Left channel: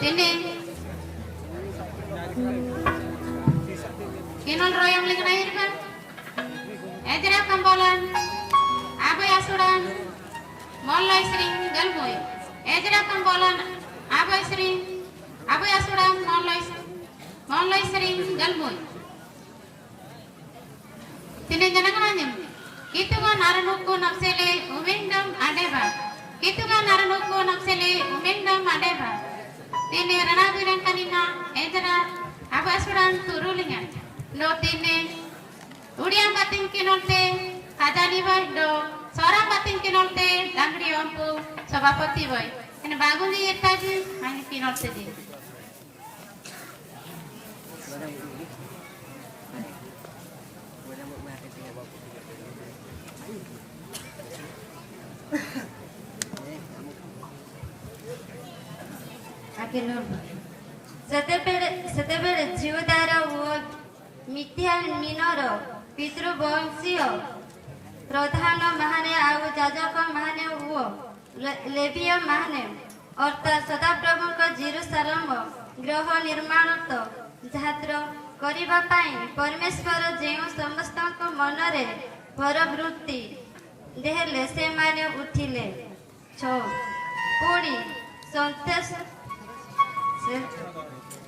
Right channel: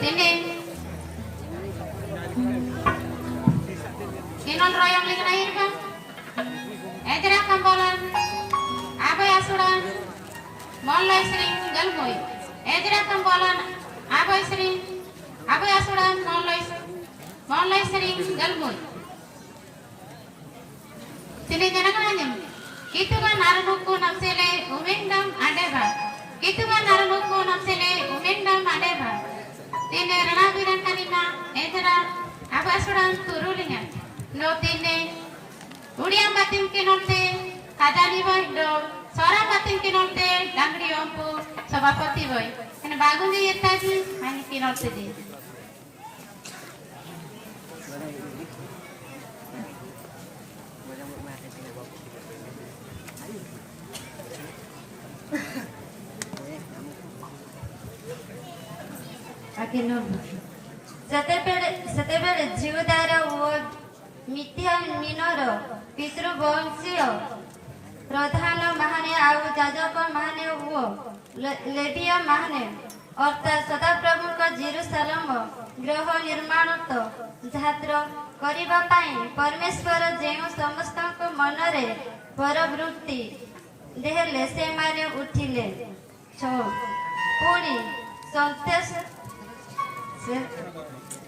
Tini Kinol royong ling lahir kan Edra kambolan Abai asuran Mollai sering galmoi Edra kambolan Abai asuran Mollai sering galmoi Tini jana kananyam Kitu kan aranuku napsele umendam adeba Kitu kan aranuku napsele umendam adeba Tini ranaduran kanina Edra Abai asuran turulingan No tine Udian batin kinolte Kadari boy do Sora batin kinolte Dangri ompu Sabapati boy Kena bagun di yetaju Hani kinolte di ସେତେବେଳେ ଜିଉଦାର ଓ ମିଥ୍ୟାମିନର ପିତୃବଂଶୀୟ ପ୍ରଧାନ ମାନେ ଆଉ ଯାଜକ ମାନେ ଓ ଲେବୀୟ ମାନେ ଅର୍ଥାତ୍ ସଦାପ୍ରଭୁଙ୍କ ଜେରୁସାଲେମ ଗୃହ ନିର୍ମାଣ ଯାତ୍ରା କରିବା ପାଇଁ ପରମେଶ୍ୱର ଯେଉଁ ସମସ୍ତଙ୍କ ମନରେ ପରବୃତ୍ତି ଦେଲେ ସେମାନେ ଉଠିଲେ। ପୁଣି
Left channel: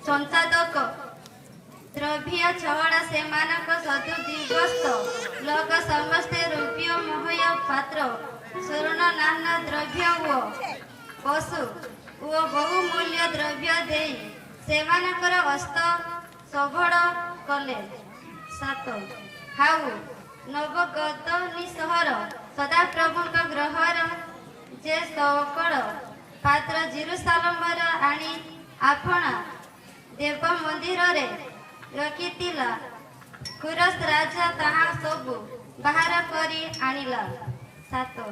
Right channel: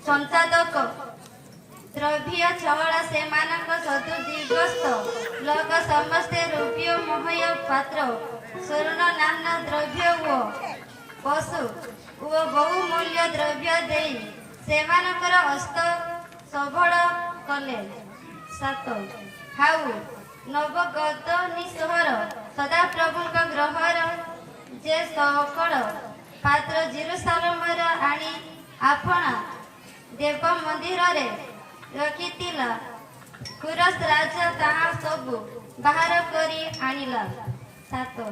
ସଂସାଧକ ଦ୍ରବ୍ୟ ଚହଳ ସେମାନଙ୍କ ସଦୁଦିବସ୍ତ ଲୋକ ସମସ୍ତେ ରୌପ୍ୟମୟ ପାତ୍ର ସ୍ୱର୍ଣ୍ଣ ନାନା ଦ୍ରବ୍ୟ ଓ ପଶୁ ଓ ବହୁମୂଲ୍ୟ ଦ୍ରବ୍ୟ ଦେଇ ସେମାନଙ୍କର ଅସ୍ତ ସବଳ କଲେ। 7 ହାଉ ନବଗତନୀ ସହର ସଦାପ୍ରଭୁଙ୍କ ଗ୍ରହର ଯେ ସକଳ ପାତ୍ର ଜେରୁସାଲେମର ଆଣି ଆପଣା ଦେବ ମନ୍ଦିରରେ ରଖିଥିଲା କୁରସ୍ ରାଜା ତାହା ସବୁ ବାହାର କରି ଆଣିଲା। 8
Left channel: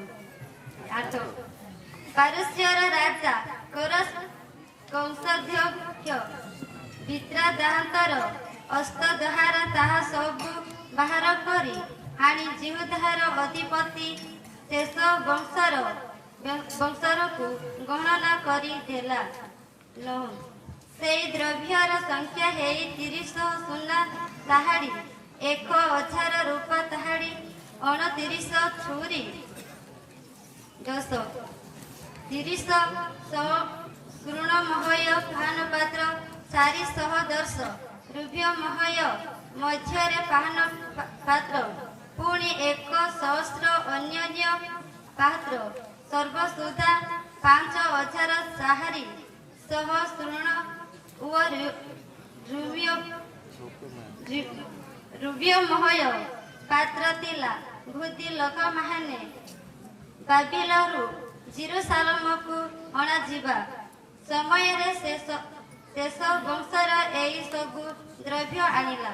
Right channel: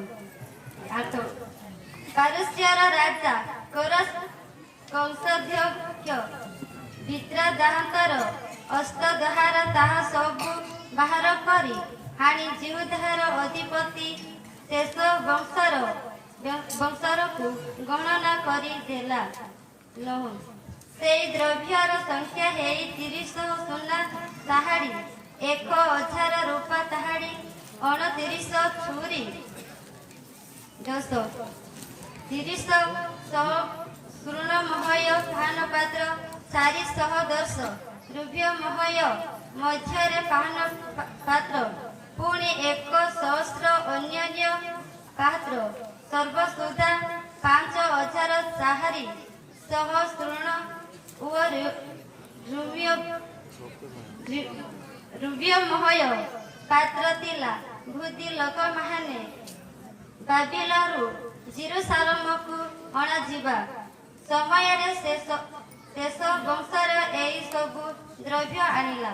ପାରସ୍ୟର ରାଜା କୋରସ୍ କଂସାଧ୍ୟକ୍ଷ ବିତ୍ରାଦାନ୍ତର ଅସ୍ତ ଦ୍ୱାରା ତାହା ସବୁ ବାହାର କରି ଆଣି ଜିହୁଦାର ଅଧିପତି ଶେଷ ବଂଶରକୁ ଗଣନା କରିଦେଲା। ସେଇ ଦ୍ରବ୍ୟର ସଂଖ୍ୟା ହେଇ 30 ସୁନା ତାହାଡ଼ି 1000 ରୂପା ତାହାଡ଼ି 29 ଛୁରୀ 10 30 ସ୍ୱର୍ଣ୍ଣମୟ ପାନ ପାତ୍ର 410 ରୌପ୍ୟମୟ ମଧ୍ୟରେ ପାନ ପାତ୍ର ପୁଣି 1,000 ଅନ୍ୟାନ୍ୟ ପାତ୍ର ସର୍ବସୁଦ୍ଧା 5,000 ସାହାରୀ ସହ ସ୍ୱର୍ଣ୍ଣ ଓ ରୌପ୍ୟମୟ ପାତ୍ର ଥିଲା। ବୃଦ୍ଧି ଲୋକମାନେ ବାବିଲରୁ ଜେରୁସାଲେମକୁ ଅଣାଯିବା ସମୟରେ ଶେଷ ବଂଶର ଏହି ସବୁ ଦ୍ରବ୍ୟ ଆଣିଲା।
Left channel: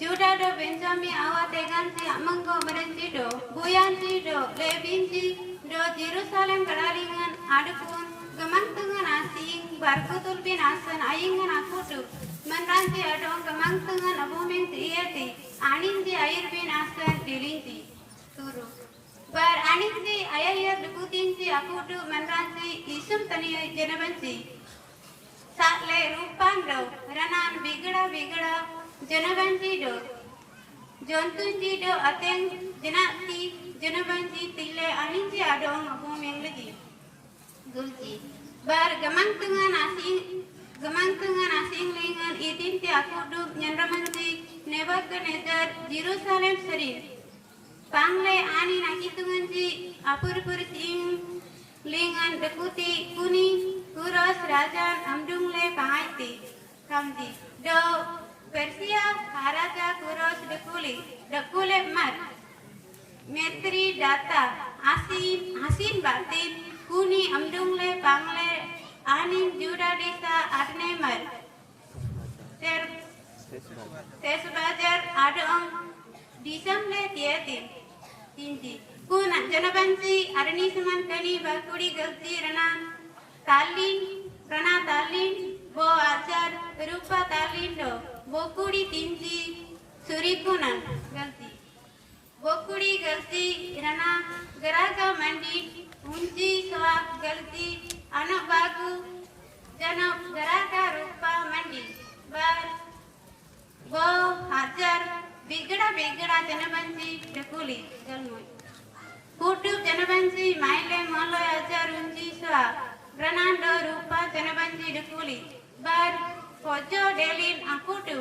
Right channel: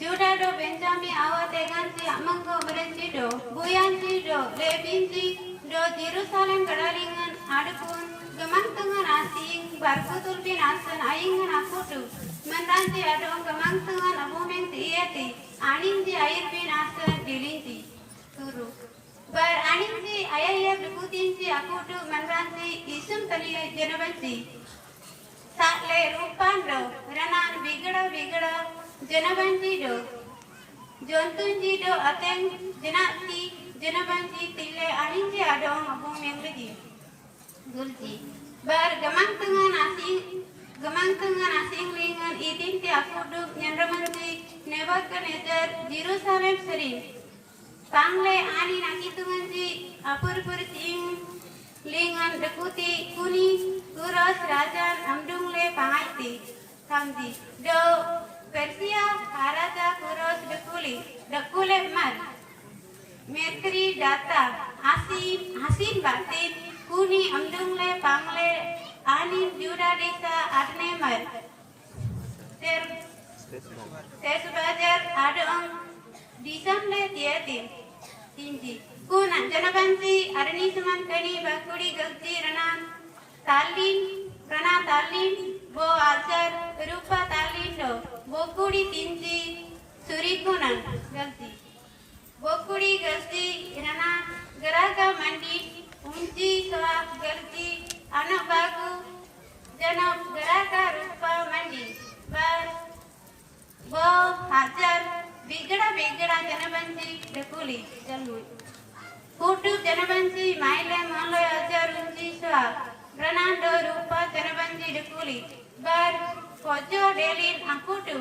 Judah Benjamin awat teganti amanggo merenci do buyanci do lebinci do Jerusalem kadalingan adapun gamantungan asing barkutul bin asan ayingan akutu menranci adon gamantungan abuming tiati aninci air bin asan dilinci turu bar aninci ayah dukutinci akutu menranci isum tani janabanci sakle rupan do ranan bigada Janabanji do Jontunji do ateng janati Janabanji tile aninji adong abong yang lagi Gulji bar gamang tengah asing lingan idin ti aku do Nyanramanji Nebuchadnezzar Jerusalem sering pangle ani nakitunganji apur sing lingan dekuti kuni kuras rajan amdungle pangaiti tamji do Persia Araja Kuros Dekule Mat Metri Data Asin Batin Kuni Amdungle Pangle Anin Juda Desa Adne Mar Tesbajar Adong Disamle Tiatin Tinji Kuna Janabansi Adani Suman Kani Bakuri Galsi Rana Talin Bo Ajar Rupa Talin Do Bokudi Tinji Surikunan Galsi Bokudi galti irana geraga mandi unji soa galti anak bagu janab geraga rupa mandi bar bo hajar bigda janabanji dekuli jalmu kutu janabanji maile malo hajar unji soa Ranando rupa janabanji dekuli bar kojo delin akutu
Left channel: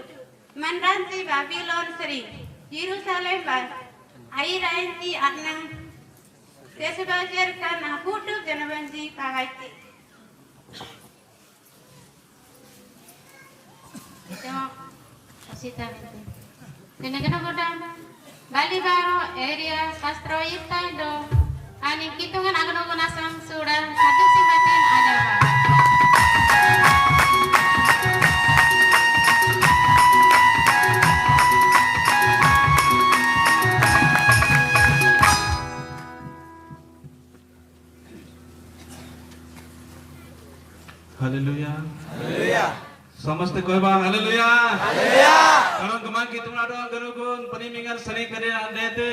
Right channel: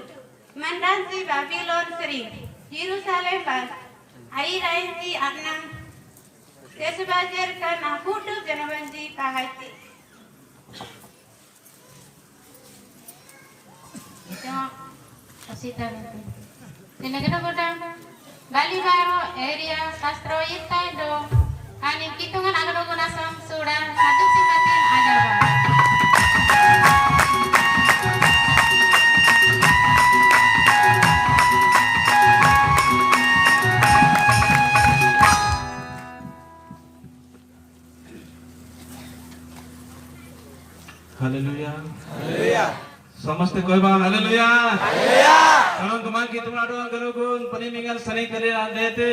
manranti Babylon sering Jerusalem bar Ai rainti anna Kesubajar kan akutu janabanji pagati Kasita Dinagana kodam Bali baru area sastro itai do Ani kitungan agado kunasang sudah satu sibatin ada ba Haleluya. Haleluya. ସମସ୍ତେ କହିବା hallelujah hallelujah କାରଣ ତୁମା କିତୁମାଡो ଗରୁଗୁन ପନିମିଙ୍ଗल सनी करे आंदेते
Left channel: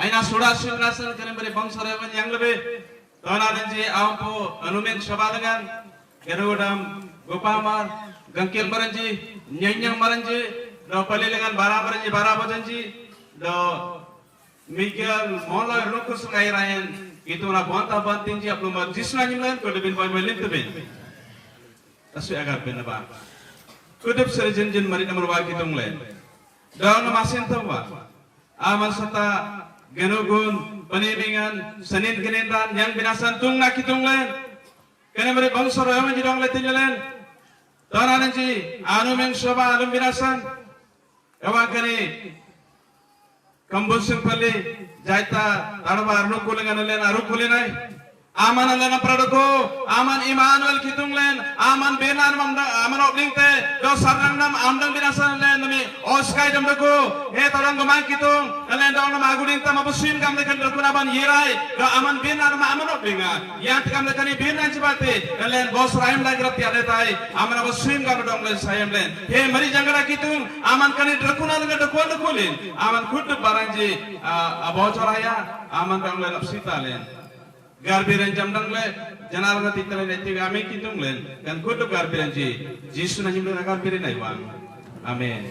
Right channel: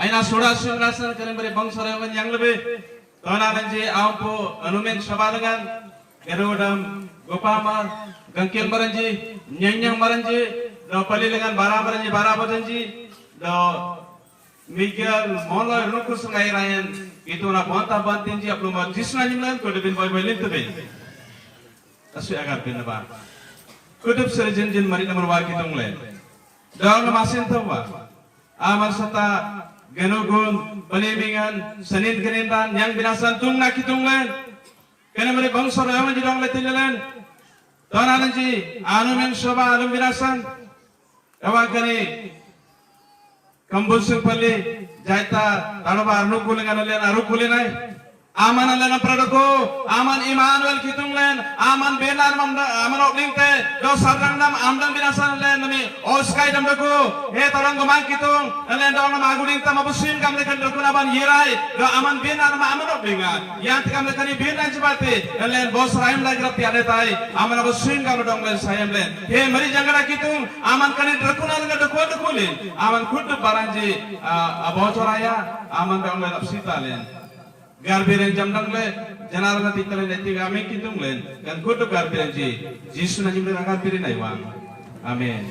आइना सोडा सुरासन करे बरे बंसरे वन यांगलबे तोना रंजी आवपो अनुमेन सबादगान गरुगडम गोपामर गंकेल मरंजी न्यंयंग मरंजी दो पलिलेगान बारा बजंजी दो मिगल मोला रुकुस ngai rayan ituna bonta bantinji aplu ma jisna nyingan ko debin boy boy tebe asu agar benaba kudup serjin jin mari nomor wa kitung len dalam masin toba amal sata genugun penimingan senin genindan yang binasan tungna kitung len kene mere bangsor yaman jidong letilelen tonananji anu meng soba alum binasan awak kene Kambusung pali jaita tanpa arnu kulingan len aru kulinai aman len apradoko aman Immanuel kitung len aman benar aman opening te do sarang nam amdan binasan len mi oskai damdako he torang gomang kitung len do na maguding ta mabusin kam lekan dokuna ban yirai do aman benar aman opening yang kam lekani benar jibate len bos raim lagi tiada tai aman mabusin kam dong len sayam len he meri jangara kitung aman kani dokuna len dokulin aman kudu baranji abotoraya aman dong len apsita len garbiran jamdang le janarana titale neti game kitung len dan kudu garbiran ji jisu na jimre garbirin ai bang amen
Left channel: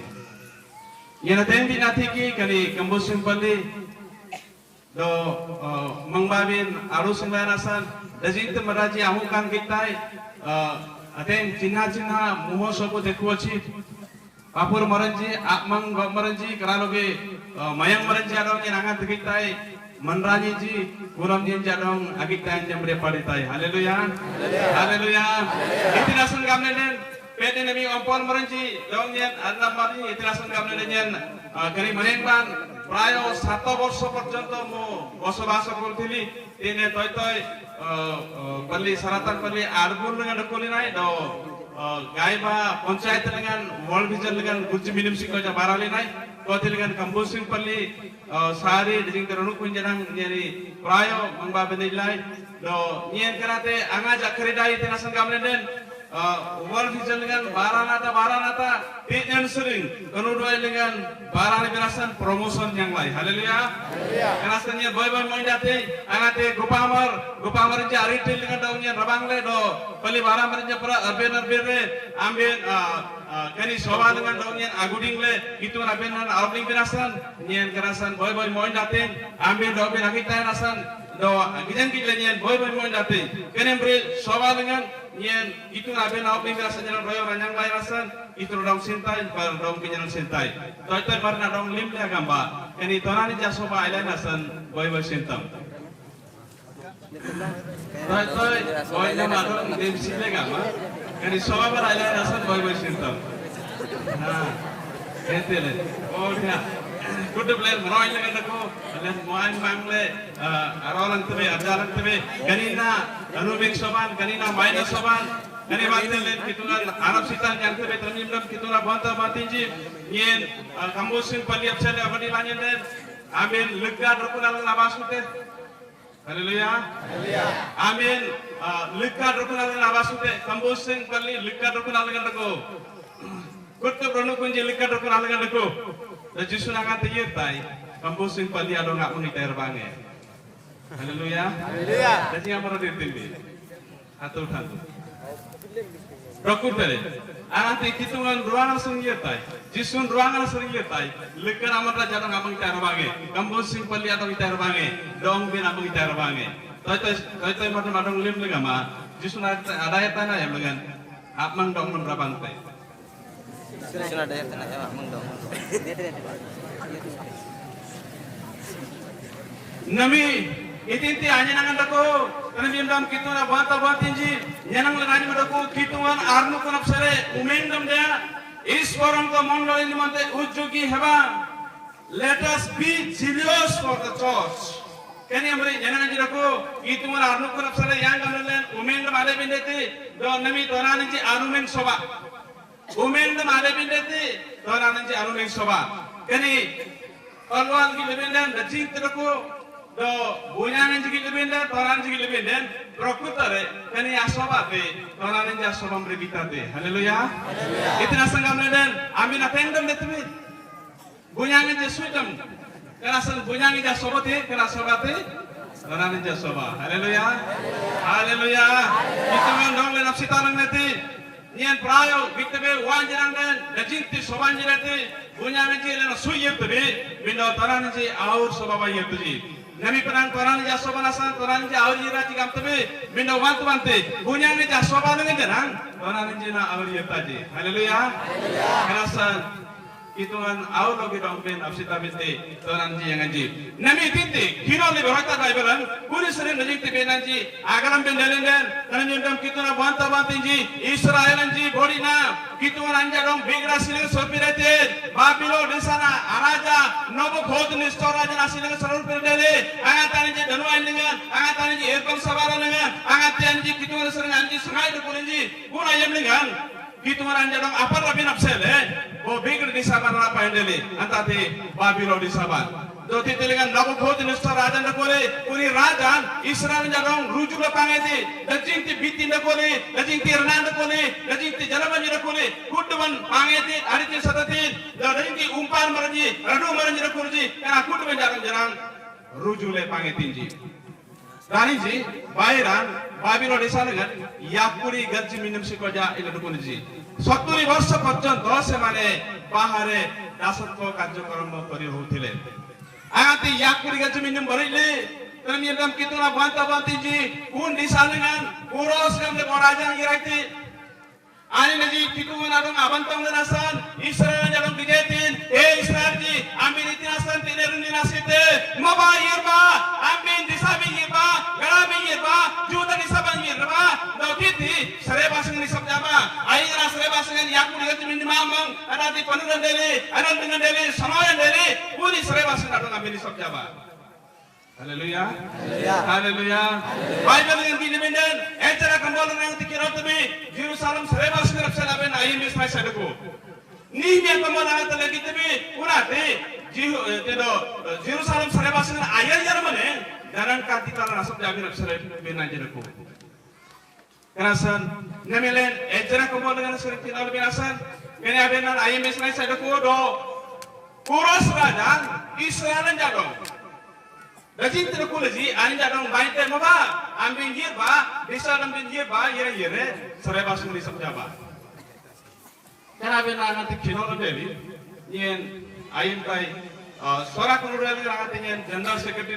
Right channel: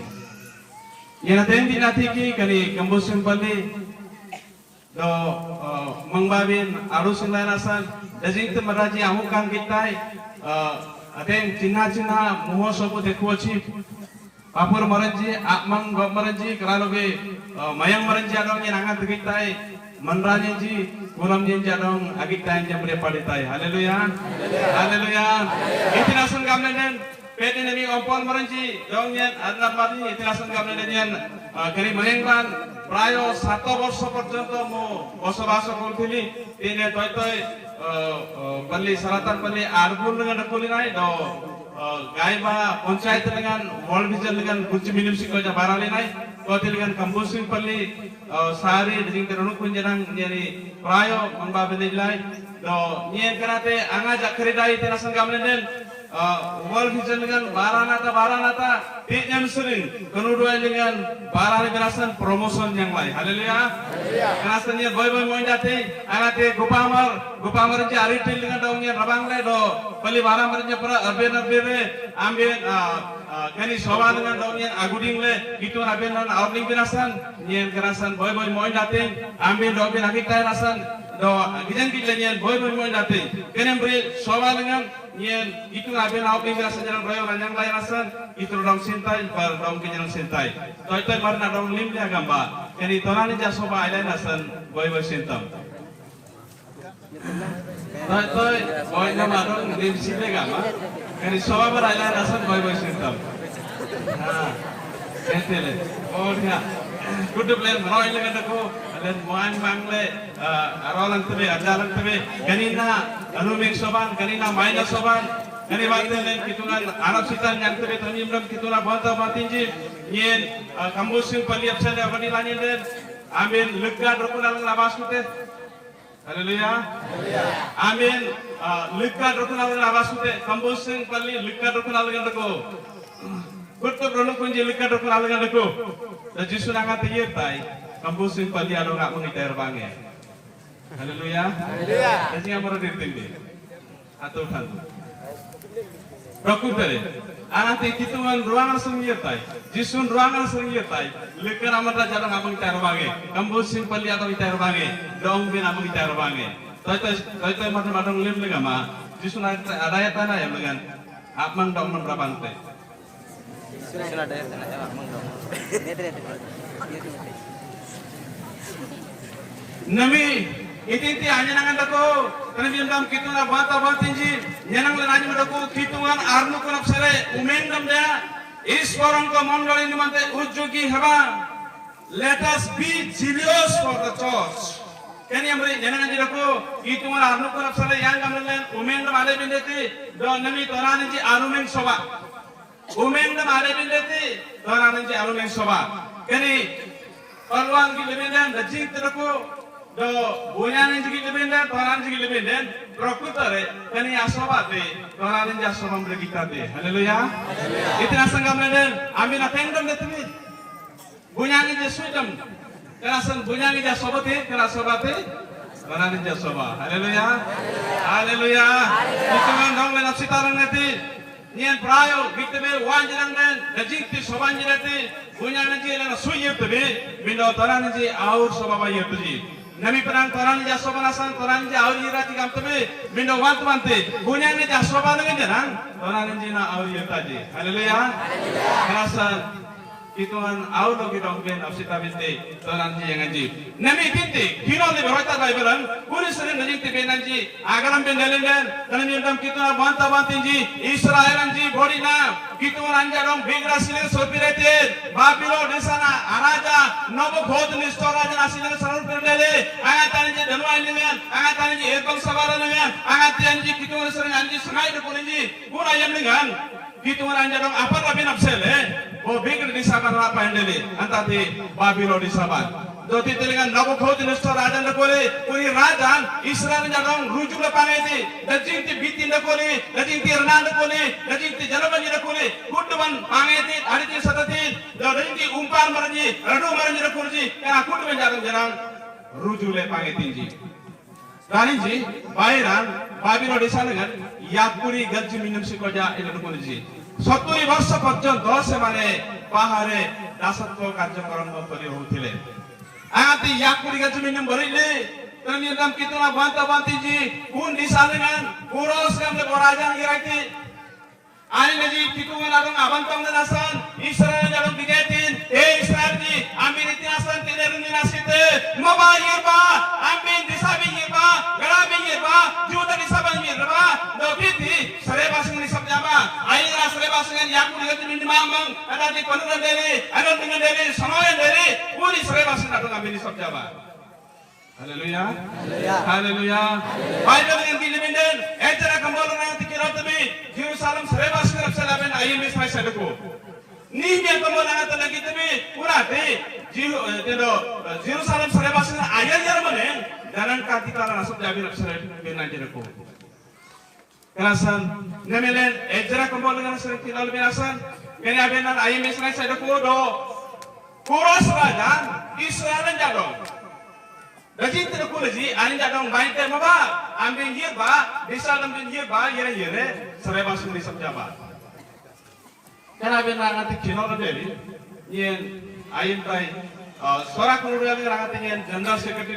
yana tendi natiki kani kambusin pali do mangbabin arus nanasan dajing te maraji amukan kitai aten cina moho sobo dekuachi apur maranji akmang maranji keraloge mayang maranji adong yang angat kitai Manrani ji kuram ji jadong agitan jamre paditai haleluya haleluya itinasun gamlenen pede nemi opor maranji dongyen adnapari itinasun gamlenen kari menengban prayo 7 বর্ষ পর্যন্ত mo বসবাস করথিলি তিনে তয় বলি সারাতান বলি আরগুল dengan kulinai do গাইবা panchayat dengan world vision dengan guji minim sikoja barali nai kote dengan kambusin pali sari ding terunu kunjarang nyari prayo mengabelilai do nyen karate anga jakridai terasan gamlenen world vision dengan baranata TM sering kenuduan dengan barani berasan promotion yang lain haleluya berasannya boy moy date angate gopamar jari til dengan daunnya rabang le do kali barang merenya para urban ambil kani soba dengan daunnya aguding le itu urban outling berasan nyen berasan boy moy date ambil do kita rasan do gijan nyen boy moy date kani bre soba dengan nyen itu urban outling berasan yang boy yang lain rasan itu dong sintai bar dong kenyang sintai toite bar na dong lim dia gamba kani tonani jaso ba ile nasan boy sintam toite boy no madong dim sile gamba kani soba bar ile nasan boy sintam entele orna kudu plan roy le gandako dan moan bangle arolan tebe ajaran tebe kanina anumik soban kanina minus soban Ini bagel len kitungan Arab sitan yang tebe tanyimram kituna banta batinji nyen kambusin paliap saja bani lanyen den amin lega rokunan labasute haleluya amin lega rokunan labasute kambusin pali lega rokunan lagandako kutu bronu kunji lega rokunan lagandako jisu nangan tayir tai kampus sing pali alo nak muni terbange. Haleluya. Jadi yang baru ditildi. Atau kan. Prakutare. Anti kituman ruangan sungyetai. Jisun ruangan sungyetai. Lekar amata jarang amang terbange. Kampus sing pali atau terbange. Dong bin amang terbange. Toy madang lim legama. Jisun ada ya tanah ya dengan. Apman dong nomor pantai. Nami iti anjangan dako kanjendam kituna bata batinji yanang lanaju dako kitungan armu konop sare umendam dia iswaran ko mondali nimante ujjogi haba. Let us be zealous for the church. Kani amri yanang dako kitungan armu konop sare yang gamlen umendam ale bindeti do nami toranji arumeng soba umendam ale bindeti toranji arumeng soba kani Parwan ki lebendan dajing terako do boyan inji lebendan toran inji lebendan prakutare kani asabate toran inji asabam regitate. Haleluya. Itna sangam lebendan amin apendam letme boyan inji suitam kerasan boyan inji asabate kerasabate toran inji asaba. Haleluya. Haleluya. Ituman dong menapsitaran nanti nian prayo bitbe wanjiran den dajing ti sobanjirate boyan inji lana suyetbe minda toran inji aur sobaba yetji nami perang toran ja sobanasan toran ja aur yirati gamtebe minda wantu wante boyan inji sobana ngeran toran inji na aur yetaji. Haleluya. Kerasan ituan aur logi dong ben apsita binte toran ji yang inji nami tinti kiro le berata baibelan puri sering dajing ti benanji agaram ben dalinden nami dam kituna banta bantinji Israel anji bodina kituan anja dong bigra sile sopirete babilo desana araja nobo khod nistora jana sile sarul pendele agatan ji dhanwai nemen agatan ji elkom sabara nemen agatan ji kituan sering anji sungai de kulinji pura yemlingan kituan anja dong apa rabin apsele bo bigra disabara pendele antati babilo disabar doti telengan nobo khod nistora raja kore turi rajan Israel anja dong ruju le pangaiti dajing ti bitin kore dajing ti rnand kore dajing ti jalabanji kore kuduan pangaiti ariti satati dajing ti umpar maranji radu maranji kurji ka kuduan jarang ruju le pangaiti Raninji bairan babilo disanengan yapuri gajji minum sikoja ila kunji 70 ବର୍ଷ ପର୍ଯ୍ୟନ୍ତ ସେମାନେ ବାହାରେ ଦାସତ୍ୱ କାର୍ଯ୍ୟକ୍ରମ କରି ରହୁଥିଲେ ଆତି yapuri gajji minum barile tani dam kituna banta bantinji un disalengan puros kan le borajan girati ani neji kituan arang abantam nasan Israel dalam bijetin Israel ji amin itinasan tinerun dinasite maba yirba amin disabi yirba garabi yirba juda disabi yirba dokiti serebasing disabjaba aina serebasing yapuri gajji minum mamang ada di panuran deli ada dengan deli samayan deli uli serebasing ada amin disabjaba. Haleluya. Haleluya. Bible yang dilebenden ejara kambolan yang tikiratabe Jerusalem serebas kerapsalaben ayem sai sadako ni me kambolan ata lagi tebe urate Jerusalem serebas ayel jarmane daran katitala nasab jabi rapsalaben benan jerako kerasan nemelen ejara kambolan yang tikiral beasan benan ayem sai sadako do kuras rajan Israel jadong Dajing terkulasi, ani jadang baik tema ba, ambil ye ba, bisa ambil ye ba, ye re, serebas ini sabjaba. Kenapa nanti kilo jadi, ye ayin bay, sorak nurani nanti ye general secretary